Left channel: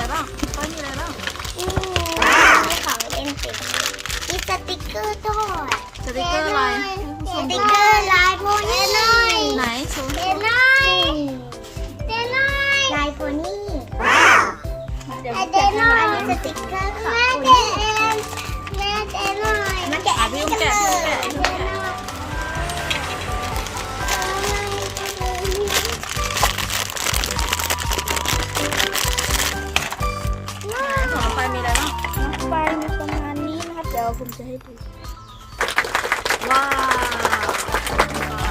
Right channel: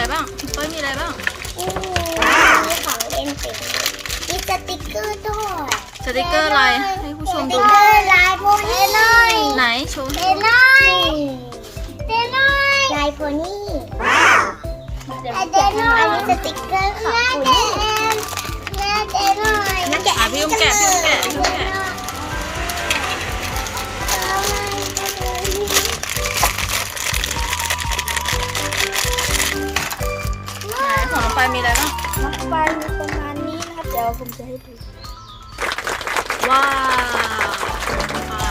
อะไรบ้างเป้ยมีอะไรบ้างอืมมีของเล่นเต็มเลยมีสติกเกอร์ด้วยสติกเกอร์อะไรให้ผู้ชสมติดูกเกอร์ลายโพนี่เลยไหนโชว์เดให้ดูนอยเดนอยลายโพนี่อันนี้สติกเกอร์ของโพนี่แม่เดนอยมาแกะอะพี่อุ้มแกะพี่อุ้มแกะพี่อุ้มแกะายมีอะไรบ้างไปมีประมาณนี้นะครับเดี๋ยวผมจะให้ดูว้าวอ่า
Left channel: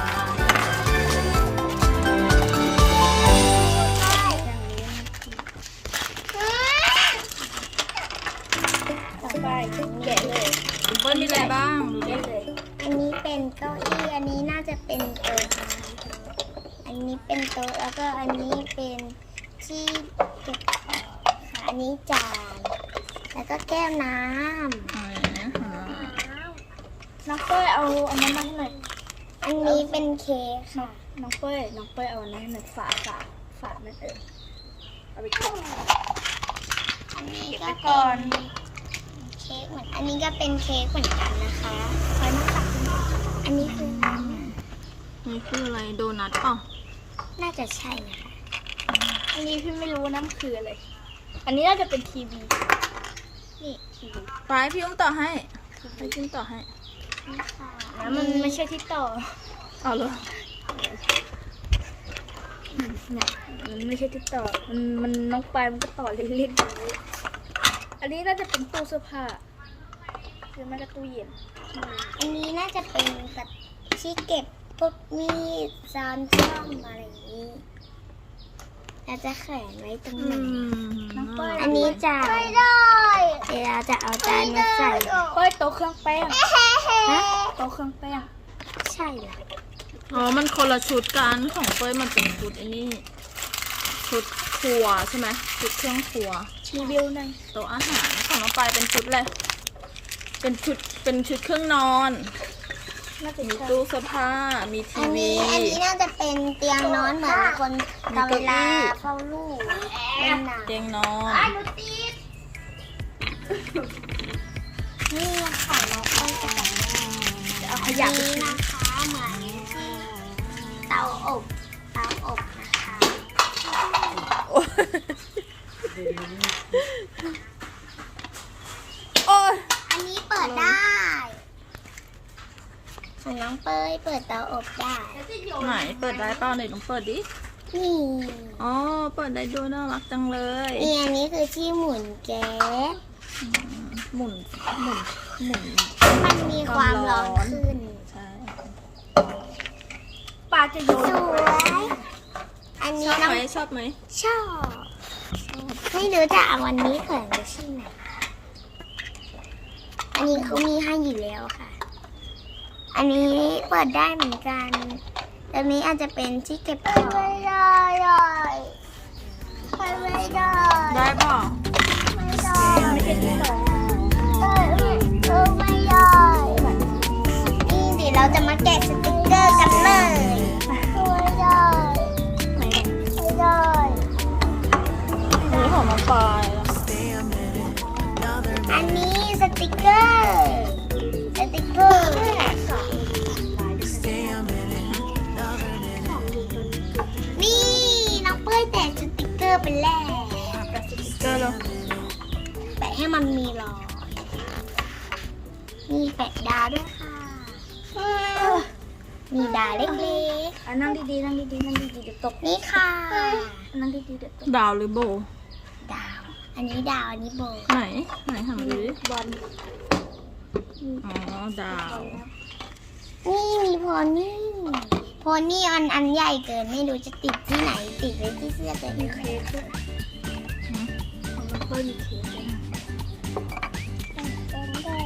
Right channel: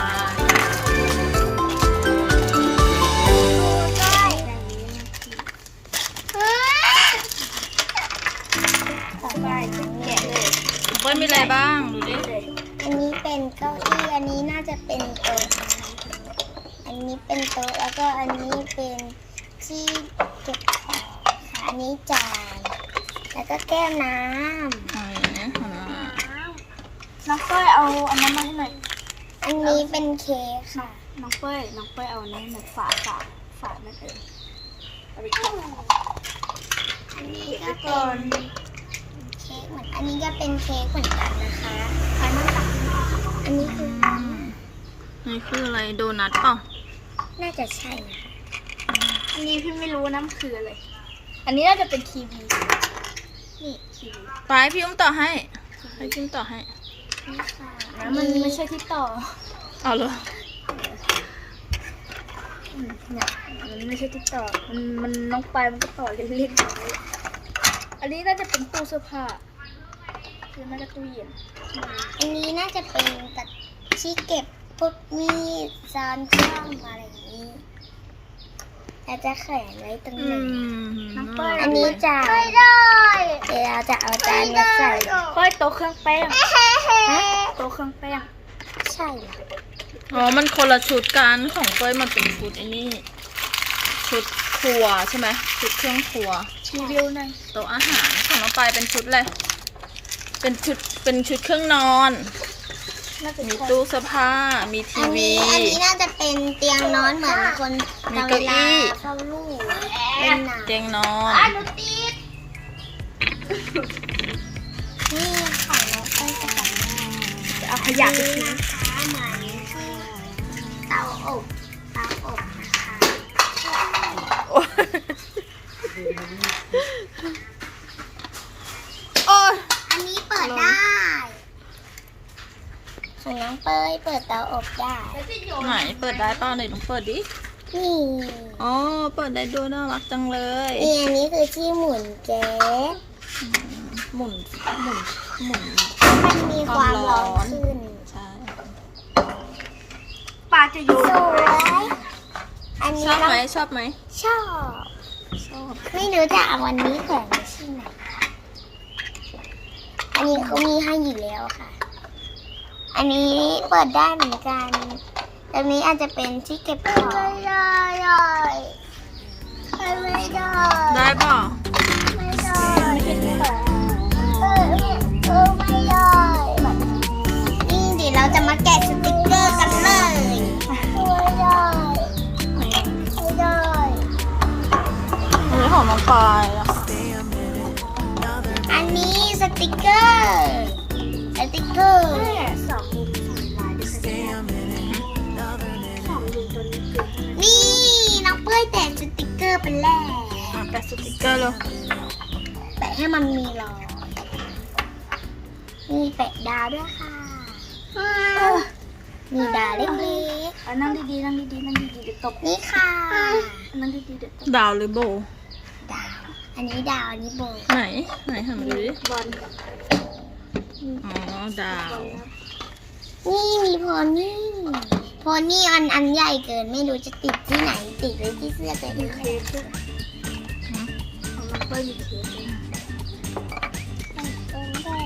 ต่อไปแกะเลยเป้ยมีอะไรบ้างดูดิอันนี้เป็นเก้าอี้อันนี้น่าจะเป็นโต๊ะอันนี้เป็นโต๊ะแล้วก็อันนี้เป็นที่เก็บของค่ะอันนี้จาน แล้วก็แก้วน้อะไรนะอ่าน้องเป้ยเอาอันนั้นมาให้หน่อยำ อันนี้เป็นเค้กค่ะ น้องเป้ยน้องเป้ยเอาอันนั้นให้หน่อยฝาฝาฝานั่นเองเอาไปเก็บอันนี้ก็เป็นเค้กเหมือน อันนี้ก็เป็นเค้กเหมือนกันนะคะ ใช้น้ำตาลอันนี้คือ อืมนี่คืออะไรโดนัทเปล่าน่าจะใช่นะคะอันนี้พี่ไม่รู้นะมันคืออะไรอันนี้น่าจะเป็นทีวี นี่ทีวีไปพี่อุ้มต่อให้ให้พี่อุ้มต่อให้นี่ค่ะแล้วมันไม่ใช่ที่ต่อเอาเลยอืมเนี่ยมันไม่ใช่ที่ต่อ มันมันน้องปลายมันก็ต่อเล่นๆไว้อันนี้น่าจะเป็นตู้เสื้อผ้าหรือไม่ก็ตู้เย็น อันนี้น่าจะเป็นตัดที่เก็บพวกมีดซานช่องอะไรอย่างนี้ เราจะแขวนไว้ตรงอืไหนมอันนี้จานเดี๋ยวเราจะเอาจานมาใส่เฮ้ยโต๊ะเครื่องแป้งฮะโต๊ะเครื่องแป้งใช่เหรออ๋อ มันคนละชุดกันของเป้ยมันเป็นชุดไอ้นี่ ชุดครัวใช่ไหมชุดเครื่องครัวรีวิวหน่อยโต๊ะอาหารของน้องปายเป็นชุดอะไร เป็นชุด เป็นชุดเครื่องนอน น่าจะมีใช่ตู้เสื้อผ้า มีอัทีนวีนี้อันนี้น่าจะเป็นเตียงนอนเหมือนคนมีตอนเก้าเวอี้ลาเฝ้าลูกเล่นหนังเตียงนอนอะหนูติดนี่ของน้องเอ้ยจะแบบนี้เอาขยะไปนี่ทิ้งนะคะเหมือนเตาอบเตาอบนะคะ โอ้ย อันนี้เปิดได้ ของน้องเปยเปิดเตาอบได้ ไหนเปิดได้เปล่าไหนลองเปิดดิ นี่อ๋อ เปิดได้ด้วยน่ารักจังเลยนี่อันนี้คือที่หมุนแก๊สหมุนหมุนหมุนมันมีความร้อนขึ้นใช่ปลาจะโยสนวยอันชนี้อบน้องไหมชอบไหมชอบ ไม่รู้จะเอาวันนี้แขวนไว้ที่ไหนอันนี้เขามีให้อยู่แล้วค่ะ อันนี้เปิดได้เหมือนกันตรงนี้อาจจะเป็นที่เก็บของไม่ได้ไม่ได้ได้เปล่าไม่ได้เออเออไม่ได้นี่เดี๋ยวเราจะมาแกะสติกเกอร์กันเลยไม่ได้ไม่ได้อันนี้ของน้องปายนะคะอันนี้สติกเกอร์ อะนั่งดีๆนั่งดีๆนั่งดีๆเดี๋ยวตกๆนี่ค่ะ นั่งดีๆเดี๋ยวตกดาวหรือโบ ดาว อันนี้ดาว อันนี้โบไหน ไหนหันมาดูดิบอลอ๋อ ดาว นี่มีโพนี่โพนี่อันอันใหญ่เกิน ไม่รู้จะติดที่ไหน ติดไว้ที่เสื้อตัวมีนี้เค้กด้วยของน้องเป้ยมีเค้กด้วย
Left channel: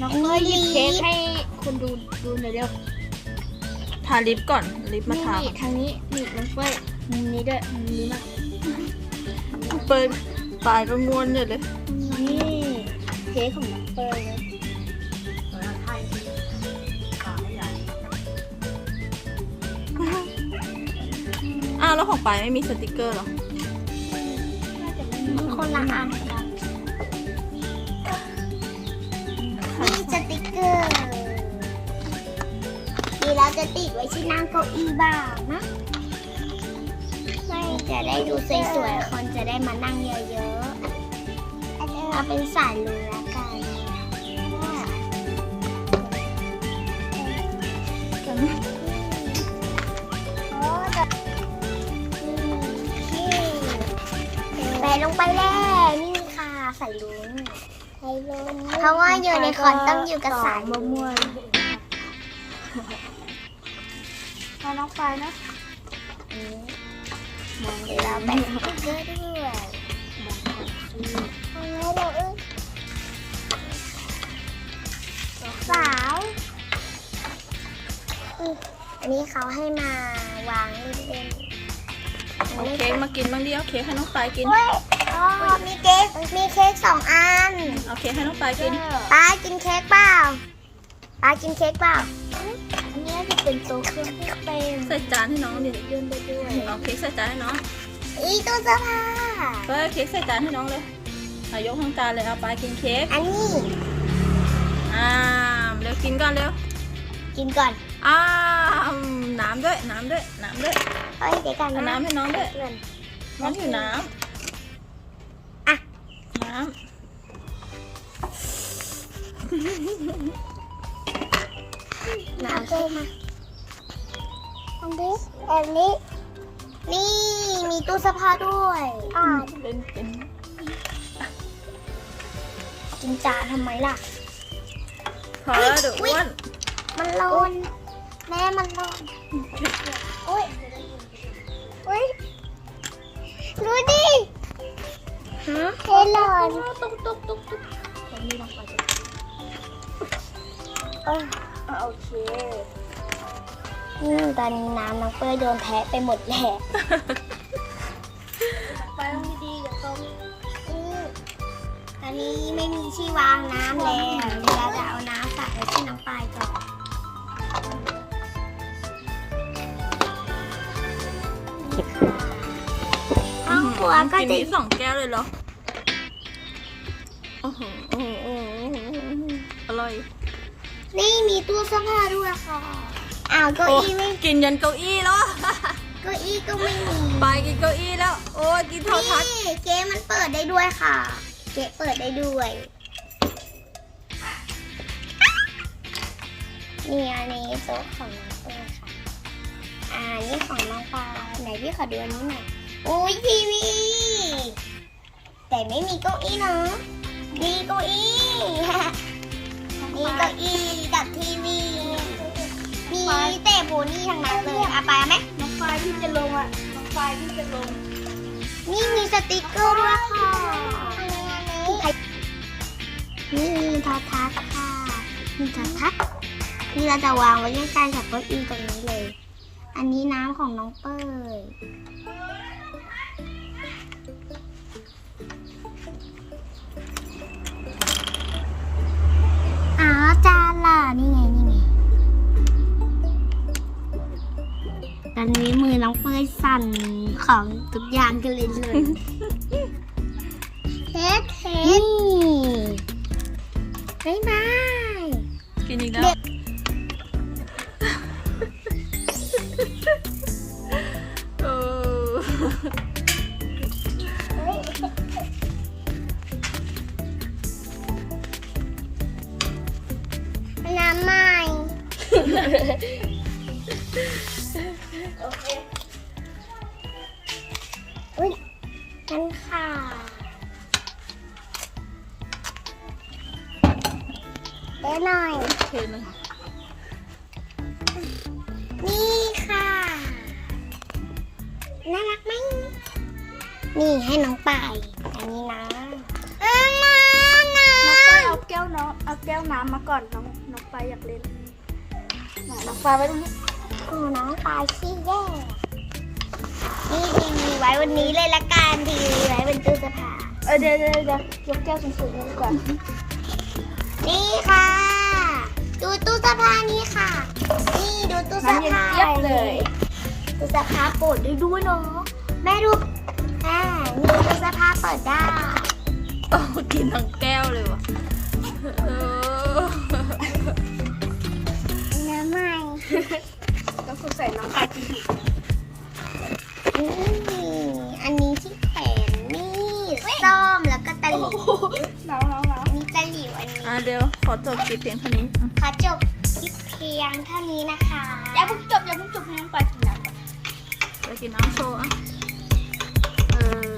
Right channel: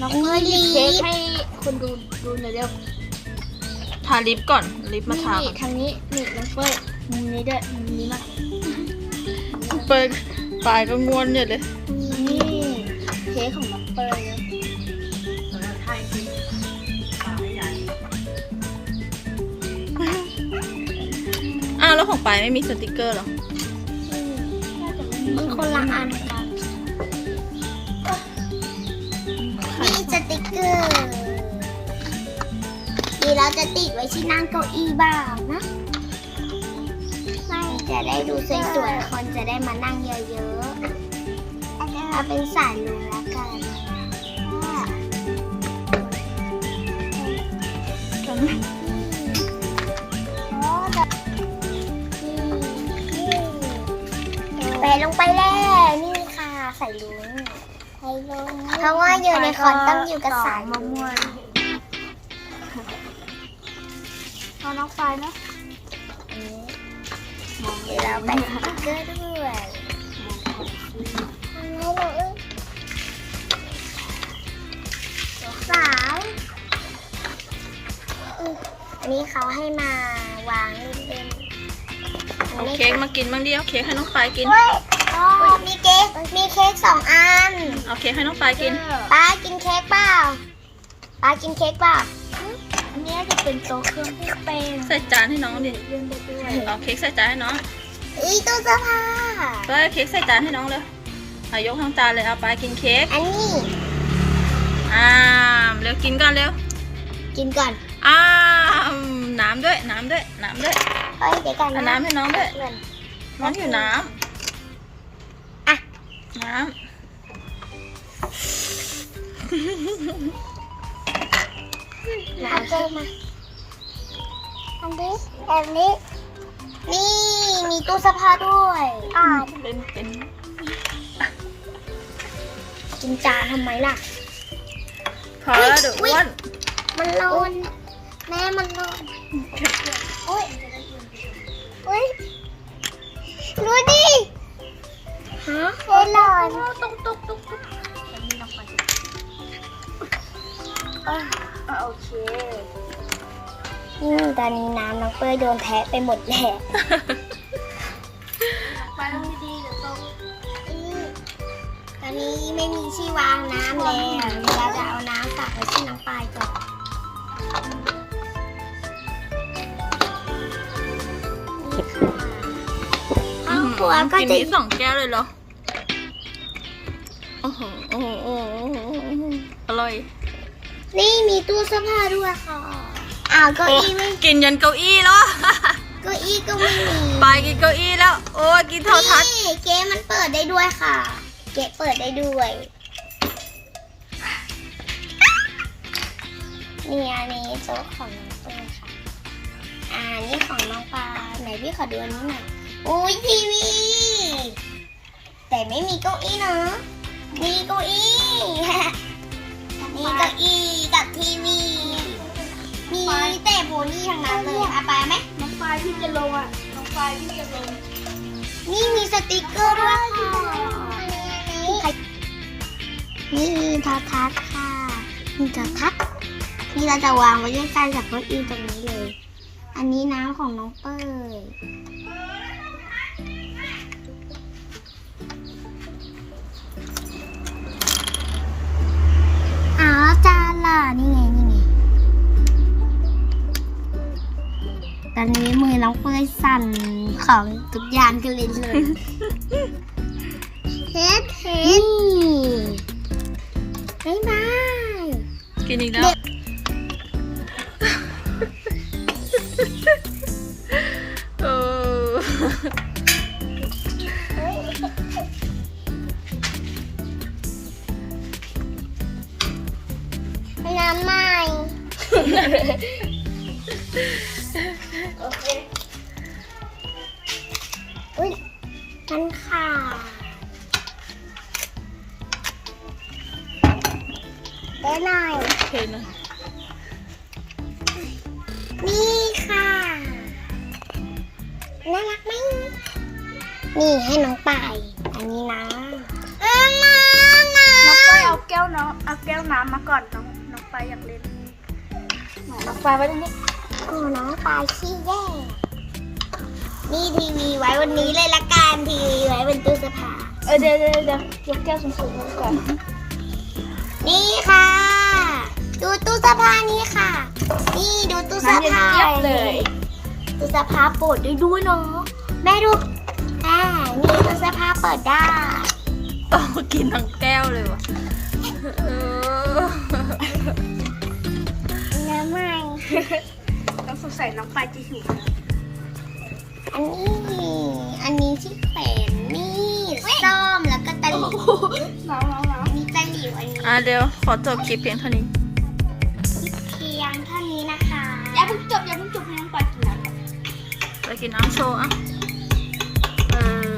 น้องอันเป้ยหยินี้บเค้กลิปให้คนดูดูหน่อยเร็ว ทาลิปก่อน ลิปมาทานี่ก่อนทางนี้นี่น้องเป้ยมุมนี้ด้วยมุมนี้มากเปิดปลายก็งวนอยู่เลยนี่เค้กของน้องเป้ยนะอ้าวแล้วของปลายไม่มีสติกเกอร์เหรอน่าจะไม่มีของคนละอันนี่สติกเกอร์นี่เรา จะติดไว้ที่นั่งเก้าอี้บ้างนะไม่จะได้ดูสวยๆ คนจะได้มานั่งเยอะๆเอาเป็นสายลุงแล้วกันใส่ลงไปแล้วนี่ค่ะ ใส่ลุงใส่ลุงเพราะว่ายูนิคอร์นต้องอยู่กับสายมะ ม่วงเอาน้องไปนะเดี๋ยวเราแบ่งสติ๊กเกอร์ด้วยสาวอุ๊ยอันนี้เขาให้มาวางเล่นๆเอาเค้กมากินบ้างดิเอาเค้กให้น้องปายกินเฮ้ยอ๋อมีเค้ก มีเค้กสองอัน เอาเค้กให้น้องปายกินป้ากินเค้กเปล่าป้ากินเค้กเปล่าอันนี้ จะเป็นโต๊ะเครื่องที่เป็นใส่จานให้น้องดิยืนได้ด้วยเอาเค้กใส่จานให้น้องอีตู้เสื้อผ้าเฮ้ยเค้กใส่จานให้น้องเลยเอายกทั้งจานเลยเอาปายกินเค้กอันนี้อ้ามเร็วกินก่อนเร็วกินก่อนอ้ามน้ำด้วยน้ำด้วยน้ำด้วยเฮ้ยเดี๋ยวก่อนเอาน้ำให้น้องด้วยเพื่อนน้องอยู่น้อะำน้น้ำ เพิ่มมาอันนี้อันนี้ นี่ มีตู้เสื้อผ้าด้วย อ่าำเป็นเป็นกินจานทำไมล่ะ พอแล้วเดี๋ยวอ้วนมันร้อนแม่มันร้อนโอ้ยโอ้ยดูดิฮะเฮ้ยร้อนตุ๊กตุ๊กตุ๊กตุ๊กยังมีน้องไปจะเอ้ยอะโอเคอืมตอนนี้น้ำน้องเป้ยโดนแทะไปหมดแหละไปลงดีๆเดี๋ยวต้องอืมตอนนี้ไม่มีที่วางน้ำแล้วเดี๋ยวเราจะเอาน้ำตักไว้ที่น้องปลายก่อนนี่ค่ะห้องครัวก็กินจะ นี้สองแก้วเลยเหรอโอ้โหโอ้โหโอ้โหอร่อย นี่มีตู้เสื้อผ้าด้วยค่ะ อ้าวเก้าโอ้อี้ไม่กินยันเก้าอี้แล้วเก้าอี้ก็ไม่มีไปกินเก้าอี้แล้ว โอ้ยกินโทรทัศน์นี่เก๊มันเปิดได้ด้วยค่ะ เก๊เปิดได้ด้วย นี่อันนี้โต๊ะของน้องเปิ้ลค่ะ อ่านี่ของน้องปลาไหนพี่ขอดูอันนี้หน่อยโอ้ยทีวี แต่ไม่มีเก้าอี้เนาะมีเก้าอี้ มีเก้าอี้กับทีวีมีแต่ โพนี่ทั้งนั้นเลยเอาไปไหมน้องไฟที่จะลงอะน้องไฟที่จะลง นี่มีสติกเกอร์ด้วยค่ะนี่ทัดทัดค่ะนี่ทัดทัดนี่เราจะวางไว้ด้วยกันกับเก้าอี้ตรงนี้เลย อันนี้น้ำของน้องเป้ย อนนี้มือน้องเฟยสั่นของทุกอย่างกันเลยเลยเฮ็ดเฮ็ดนี่บ๊ายบายกินอีกแล้วเเด้หน่อยโอเคนะนี่ค่ะ น่ารักไหม นี่ให้น้องป่ายอันนี้นะ เอ้ยมานะน้องไฟเอาแก้วน้องเอาแก้วน้ำมาก่อนน้องน้องไฟอยากเล่นไหนน้องไฟไว้ตรงนี้โอ้น้องป่ายขี้แย่นี่ทีวีไว้วันนี้เลยละกันทีวีไว้เป็นตู้เสื้อผ้าเออเดี๋ยวเดี๋ยวเดี๋ยวยกแก้วสูงๆไว้ก่อน นี่ค่ะ ดูตู้เสื้อผ้านี่ค่ะ นี่ดูตู้เสื้อน้ำเย็นผ้าเจี๊ยบเลย ตู้เสื้อผ้าเปิดได้ด้วยเนาะแม่ดูอ่านี่ตู้เสื้อผ้าเปิดได้โตกินทั้งแก้วเลยวะเออน้ำมันต้องสงสัยน้องปลายจะหิวอันนี้อันนี้ที่ เดี๋ยวขอจบคลิปเพียงเท่านี้ ขอจบคลิปเพียงเท่านี้นะคะอย่าเพิ่งจบอย่าเพิ่งจบให้น้องปลายกินน้ำก่อนไปกินน้ำโชว์อะ เออ